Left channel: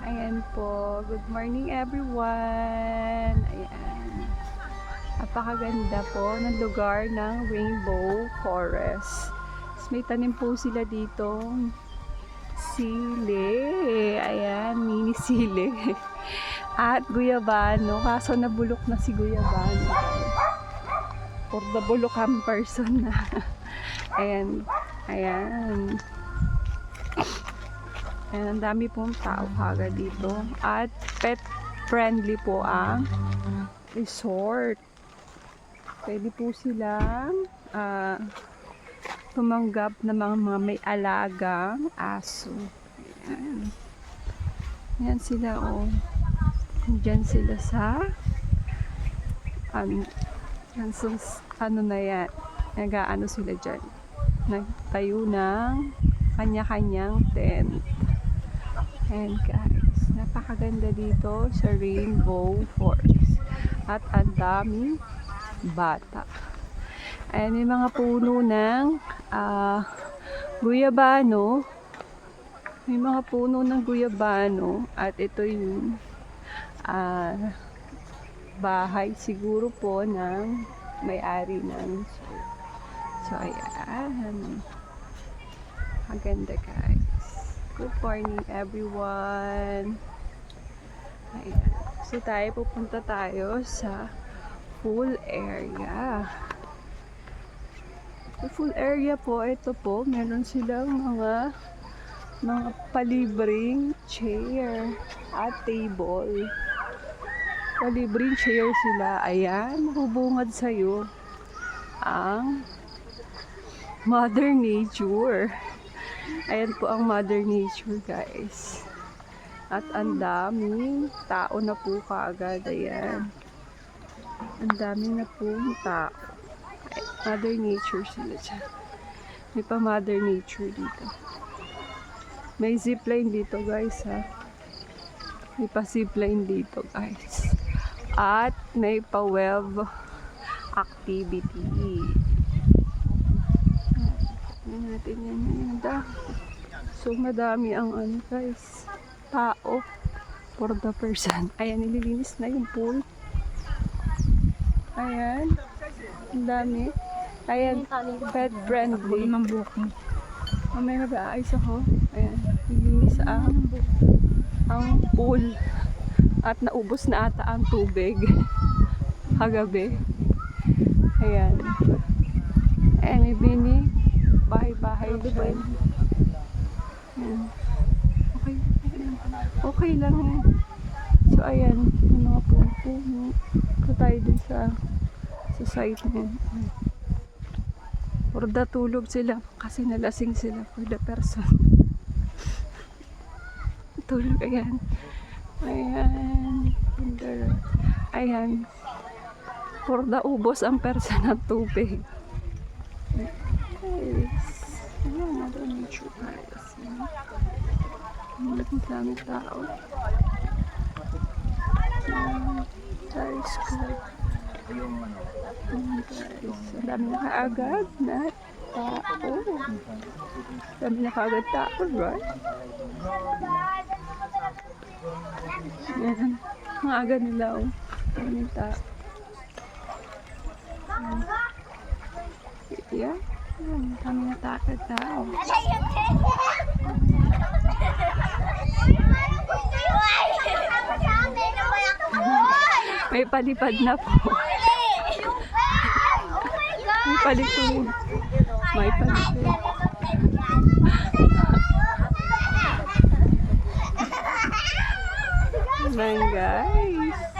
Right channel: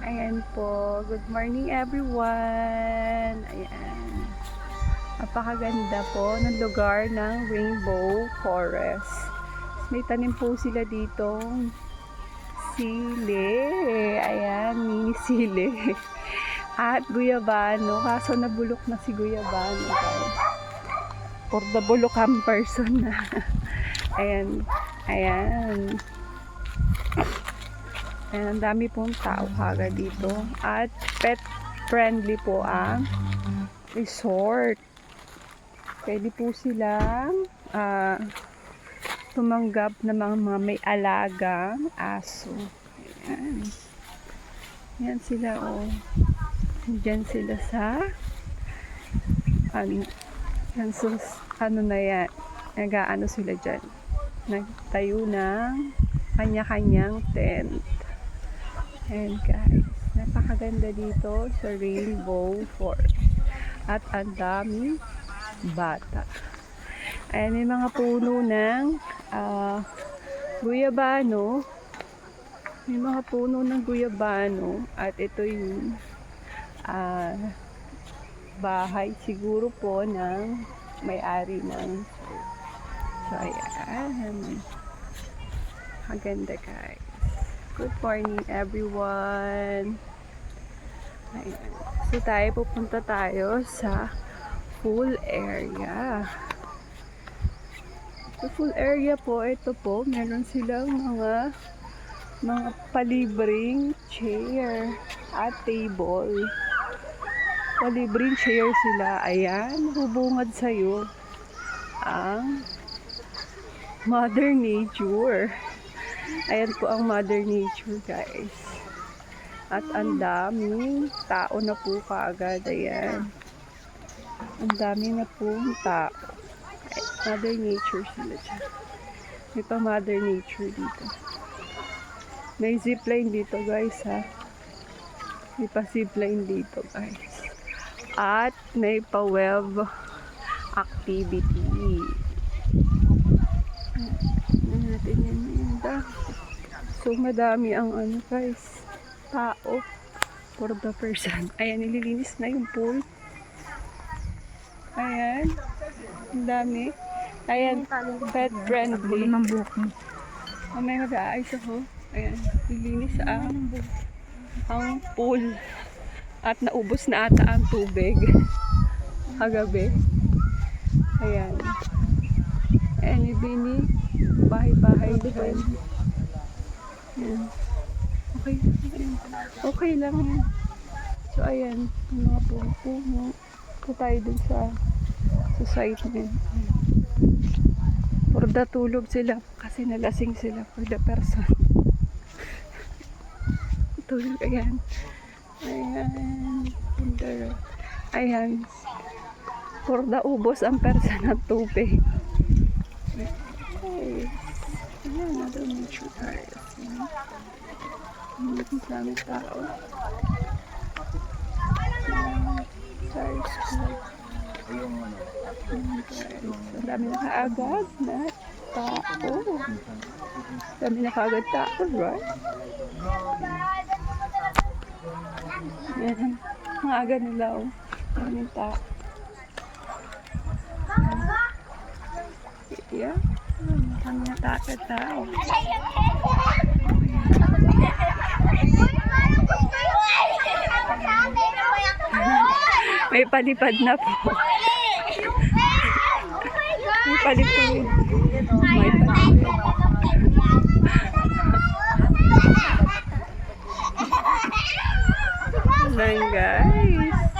Ayan po. Good morning everyone. Ayan. Napakaganda po ng lugar ng Rainbow Forest. May tanim po sila ditong sili. Ayan, mini sili. At guyabano. Kaso nabulok na si guyabano. For the bulukan person na. Ayan. Ayan. Ayan, ang dami pong tao kagad dito. At pet friendly po ang resort. Pwede po silang tumanggap ng mga may alagang aso. Ayan. Ayan sila oh. Diyan sila sa ano na yan. Nag-aano sila dyan. Nagtayo ng kanya-kanyang tent. And guys, napakaganda dito sa Rainbow Forest. At ang daming bata. Ayan, may mga puno ng guyabano. May mga puno ng guyabano. At ito yung bahay siguro po ng may-ari ng resort. So, ayan. Maganda guys. Good morning everyone. Ayan. So pupunta tayo sa pool area. Sa pool area po, ito po, meron silang mga palibreng chair at table. Palibreng chair sila. Ayan, hubungad sa'yo ang Mother Nature. Ayan po ang Mother Nature guys. At ang daming tao na po kaagad. Ayan. Ang dami na pong tao. Mother Nature sila dyan. May pa Mother Nature dito. May zipline dito guys ha. May pa zipline dito guys. At may pa web activity. Natin yan ngayon. So madami ang ano guys, tao for the person. Ayan, nililinis na yung pool. Ayan, ang dami. Ayan, pet friendly. May mag-aayos ako. Ayan, nililinis ang pool. At naubos na ata ang tubig kagabi. Ayan. Ayan, ibini bahay-bahay din. Ayan. Okay. Ayan. Okay lang yan. So, ayan. Yung mga puno. Ito tayo din sa site na yan. For the tulog sila. Kasi nalasing sila for the person. Tulog. Ayan. Ayan. Ayan. For the ubos ang person ng tubig. Ayan, Mother Nature guys. Ang daming tao. Sorry, school. Ang dami na kaagad na tao. Ang dami na kaagad tao, right? Ayan, ang aga nila. Ang daming tao. Yeah. Kami na tao. May palipad na po. May palipad. May palipad. Ayan guys.